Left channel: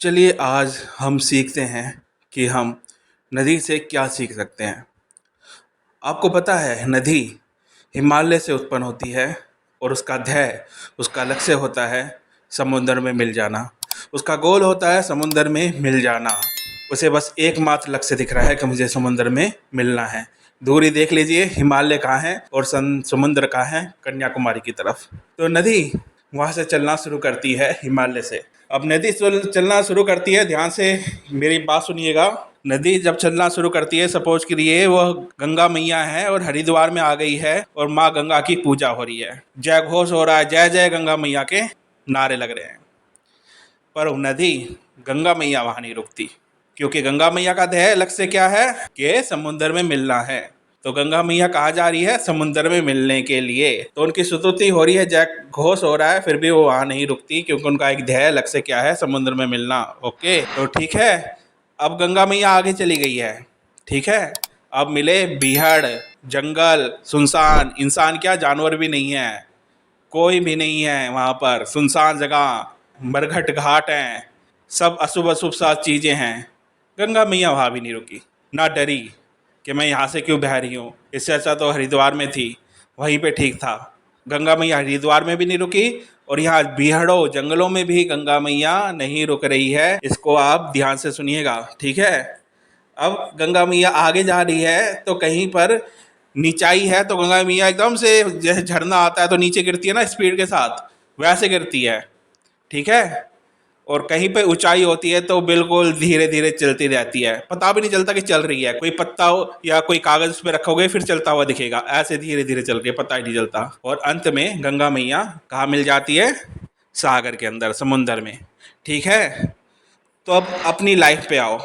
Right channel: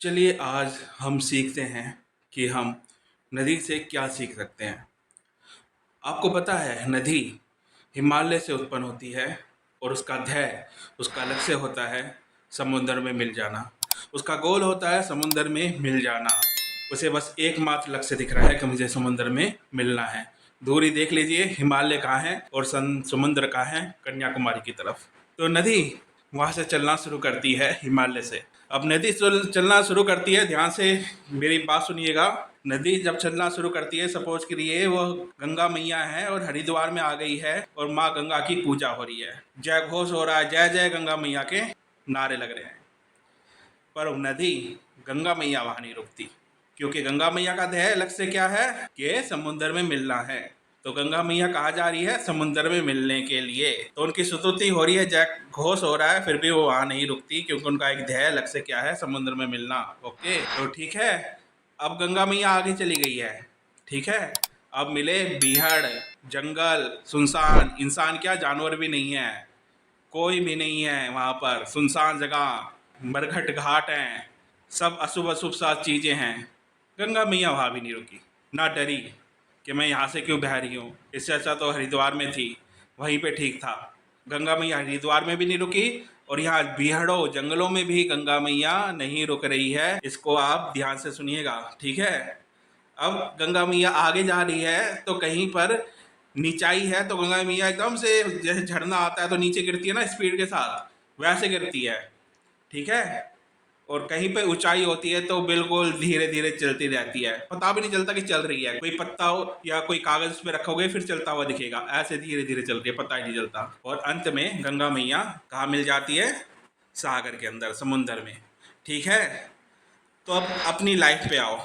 चलिए आज हम सीखते हैं कि हम नदी से क्या सीख सकते हैं। आपको पता है नदी हिमालय से उत्पन्न होती है और उसका ध्येय उसका लक्ष्य होता है समुद्र में मिल जाना। उसका गोल होता है समुद्र में मिल जाना। उसे बस एकमात्र लक्ष्य दिख रहा है कि मुझे समुद्र में मिलना है। दूरी देख लीजिए, हिमालय कहाँ है और समुद्र कहाँ है, कन्याकुमारी की तरफ। तो नदी वहाँ से चलना शुरू करती है हिमालय से। अब नदी चलना शुरू करती है, ध्यान से मेरी बात सुनिएगा। नदी जब चलना शुरू करती है, सपोज करिए वह गंगा मैया है और हरिद्वार में आ गई है और माँ गंगा की पूजा हो रही है, जय घोष हो रहा है, जय जय गंगा मैया के नारे लग रहे हैं। पर नदी गंगा मैया वहाँ नहीं रुकती, क्योंकि गंगा मैया का ध्येय लक्ष्य क्या है कि समुद्र में मिलना है। तो गंगा मैया कहाँ जा रही है? समुद्र में मिलने के लिए। तो उनकी स्तुति हो रही है, जय घोष हो रहा है, फिर भी वो वहाँ नहीं रुकती, क्योंकि उनका एक ध्येय लक्ष्य क्या है? समुद्र में मिलना। ओके, तो ठीक है। अब गंगा मैया आगे चली गई है, ठीक है। अब मिले बीहड़, जंगल, सुनसान, इंसान क्या जानवर भी नहीं है, कोई भी नहीं है वहाँ पर, सुनसान जगह, बरघट घाट हैं, सब अशुभ अशुभ सा चीज़ें हैं। गंगा मैया वहाँ भी नहीं रुकी, ना डरी कि मैं यहाँ से क्यों बह रही हूँ। इससे अच्छा तो हरिद्वार में थी, वहीं पे ठीक था। गंगा मैया हरिद्वार में भी नहीं रुकी और यहाँ बीहड़ों जंगलों में भी गंगा मैया नहीं रुक रही है। इसको आप ध्यान से सुनिएगा, ठीक है। अब गंगा मैया आगे जा रही है तो कहीं पर नीचाई है, तो गंगा मैया एकदम से, जैसे झरना आता है तो नीचे गिरती है ना स्पीड के साथ, वैसे गिरती है, ठीक है। और कहीं पे ऊंचाई होती है तो बिल्कुल धीरे धीरे चलती रहती है, पता भी नहीं चलता कि चल रही है। कोई पत्ता हो या कोई कागज उस पर रखोगे फिर चलता हुआ दिखेगा, ऐसे धीरे धीरे चल रही है, पता ही नहीं चलता। और अंत में गंगा मैया कहाँ मिल जाती है? सागर के अंदर, समुंदर में, ठीक है। तो अब अपनी लाइफ पे आओ।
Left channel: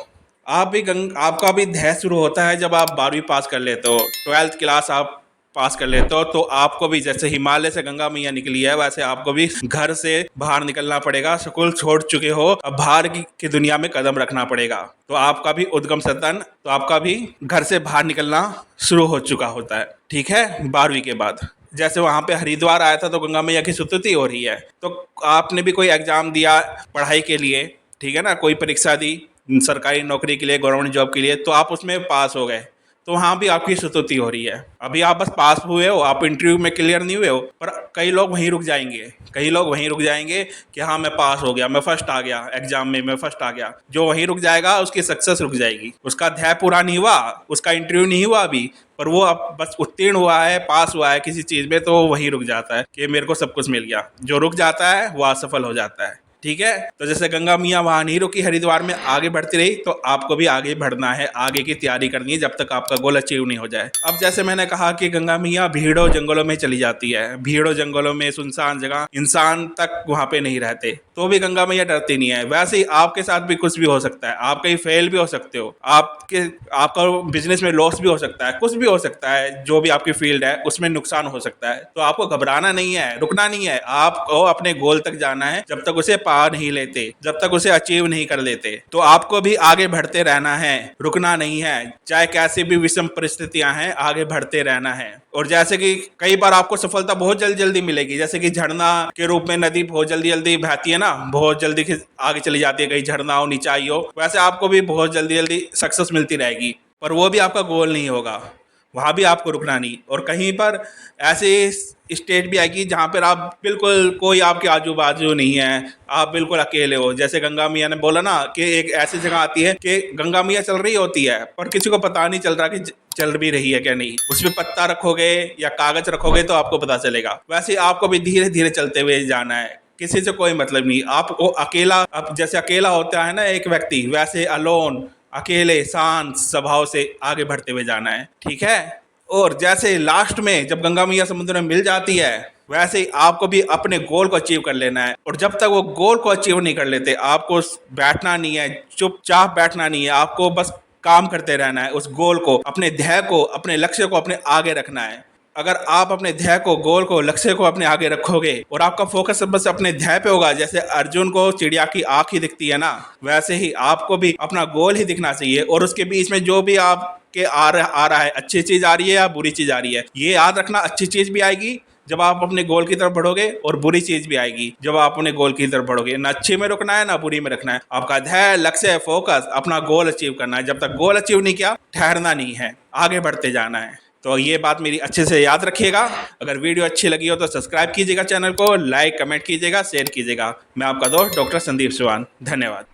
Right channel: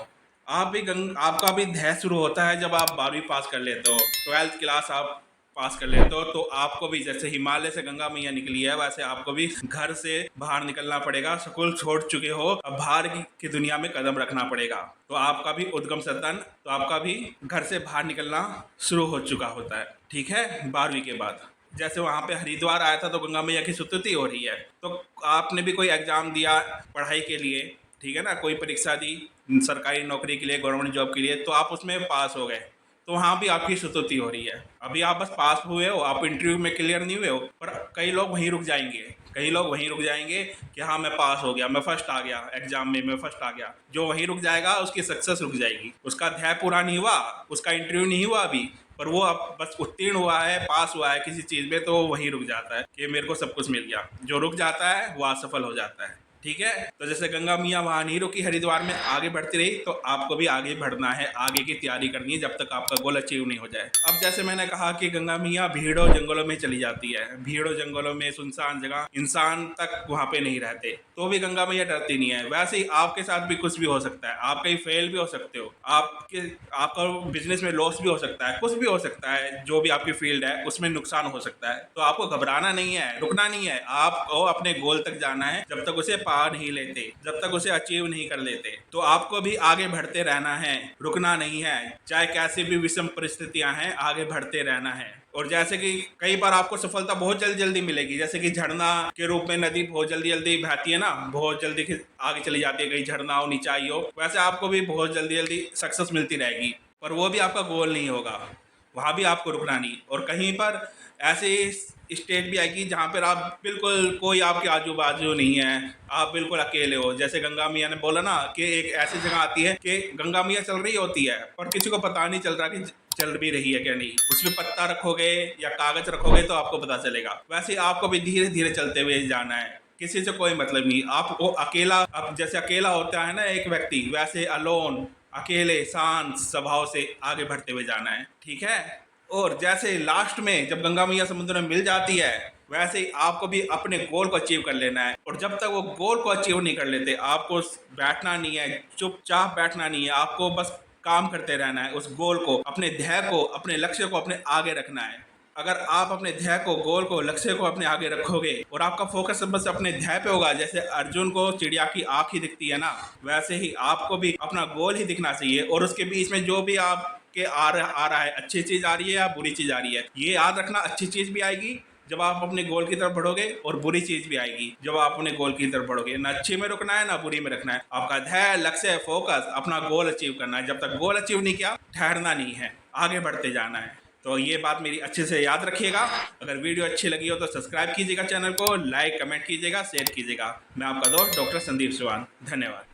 आप भी आपका भी ध्येय शुरू होता है जब आप 12वीं पास कर लेते हो, 12th क्लास आप पास कर लेते हो। तो आपको भी जैसे हिमालय से गंगा मैया निकली है, वैसे आपको भी घर से बाहर निकलना पड़ेगा। स्कूल छोड़ चुके हो, अब बाहर की दुनिया में कदम रखना पड़ेगा। तो आपका भी उद्गम सदन, तो आपका भी घर से बाहर निकलना शुरू हो चुका होता है, ठीक है। 12वीं के बाद जैसे वहाँ पे हरिद्वार आया था तो गंगा मैया की स्तुति हो रही है, तो आपने भी कोई एग्जाम दिया पढ़ाई के लिए, ठीक है ना, कोई परीक्षा दी सरकारी नौकरी के लिए, गवर्नमेंट जॉब के लिए, तो आप उसमें पास हो गए, तो वहाँ भी आपकी स्तुति हो रही है। अभी आप बस पास हुए हो, आप इंटरव्यू में क्लियर नहीं हुए हो, पर कई लोग वहीं रुक जाएंगे, कई लोग वहीं रुक जाएंगे कि हाँ मैं पास हो गया, मैं फर्स्ट आ गया एग्जाम में, मैं फर्स्ट आ गया। जो वहीं रुक जाएगा उसकी सक्सेस रुक जाएगी, उसका अध्याय पूरा नहीं हुआ, उसका इंटरव्यू नहीं हुआ अभी, पर वो अब बस उत्तीर्ण हुआ है, पास हुआ है किसी चीज़ में, तो वो वहीं रुक जाता है कि मेरे को सब कुछ मिल गया। जो रुक जाता है वो असफल हो जाता है, ठीक है। तो जैसे गंगा मैया वहां नहीं रुकी, हरिद्वार में आगे बढ़ती रही, तो आपको भी आगे बढ़ना है, आगे की तैयारी करनी है जब तक आपका गोल अचीव नहीं हो जाए। अब जैसे मैंने कहा कि गंगा मैया भीड़ों जंगलों में चली जाती है, भीड़ों जंगलों में, सुनसान जगह, इंसान तक वहां पे नहीं रहते, तो भी गंगा मैया डरती नहीं है। वैसे ही आपके साथ भी कुछ भी हो सकता है, आप कहीं फेल भी हो सकते हो, आपका बिजनेस में लॉस भी हो सकता है, कुछ भी हो सकता है, जो भी आपकी फील्ड है उसमें नुकसान हो सकता है। तो आपको घबराना नहीं है, रुकना नहीं है, आपको अपने गोल तक जाना है। जब तक उसे पा नहीं लेते, जब तक उसे अचीव नहीं कर लेते, तो आपको भी आगे बढ़ते रहना है, रुकना नहीं है। चाहे कैसी भी विषम परिस्थितियां हैं, आगे बढ़ते रहना है। और जैसे कि कई बार आपको सफलता बहुत जल्दी जल्दी मिलेगी, जैसे कि झरना के रूप में नदी बहुत जल्दी जल्दी बहती है ना, बहुत जल्दी आगे चली जाती है, कहीं झरना हो, नीचाई हो, वैसे आपको भी बहुत जल्दी जल्दी सक्सेस मिलती रहेगी, पर वो भी आपका गोल नहीं होगा, वहाँ भी आपको रुकना नहीं। और कहीं पर ऐसे स्टेट भी आएगी जहाँ पर आप बिल्कुल, कोई आपके आजू बाजू नहीं है, आप बिल्कुल अकेले हो। जैसे गंगा मैया ने बोला ना कि एक ऐसी जगह आती है कि गंगा मैया चल रही होती है पर किसी को पता नहीं चल रहा कि चल भी रही है क्या नहीं। उसमें पत्ता रखोगे या कागज रखोगे तो आपको पता चलेगा। वैसे आपको भी धीरे धीरे चलते हुए जाना है, किसी से कोई मतलब नहीं। आप वो अकेला, अब जैसे अकेला होता है ना एक व्यक्ति, वैसे अलोन, अकेले शांत स्वभाव से आगे बढ़ते हुए जाना है, ठीक है। और जैसे लास्ट में जब गंगा मैया समुद्र में मिल जाती है, वैसे ही आपको भी अपने गोल को अचीव कर लेना है। और जब तक वो गोल को अचीव नहीं कर लेते, आपको बैठना नहीं है, चुपचाप बैठना नहीं है, आपको बस काम करते रहना है। उस गोल को, अपने ध्येय को, अपने लक्ष्य को अपने आगे रखना है। अगर आप अपने ध्येय को, गोल को, लक्ष्य को अपने आगे रखोगे और आपका फोकस बस अपने ध्येय पे होगा, जैसे अर्जुन को चिड़िया की आंख ही दिखती है ना, वैसे ही आपको भी अपना गोल ही दिखना चाहिए। और उसके बीच में जो भी आपके आ रहा है, अच्छी चीज आ रही है या बुरी चीज आ रही है, ये याद रखना, अच्छी चीज भी आएगी जब आप अपने गोल की तरफ बढ़ोगे, और बुरी चीज़ भी आएगी जब आप अपने गोल की तरफ बढ़ोगे। ना अच्छे में रुकना है, ना बुरी में रखना है। आपका ध्येय, लक्ष्य, फोकस अपना गोल अचीव करना है। जब तक गोल अचीव नहीं किया, ठहरना नहीं है, आगे बढ़ते जाना है। तो ये बात मेरी अच्छे से याद रखिएगा। अगर वीडियो अच्छी लगी हो तो सब्सक्राइब कीजिएगा चैनल को, लाइक कमेंट कीजिएगा, शेयर कीजिएगा। मैं आपका दोस्त डॉक्टर संदीप चौहान, धन्यवाद।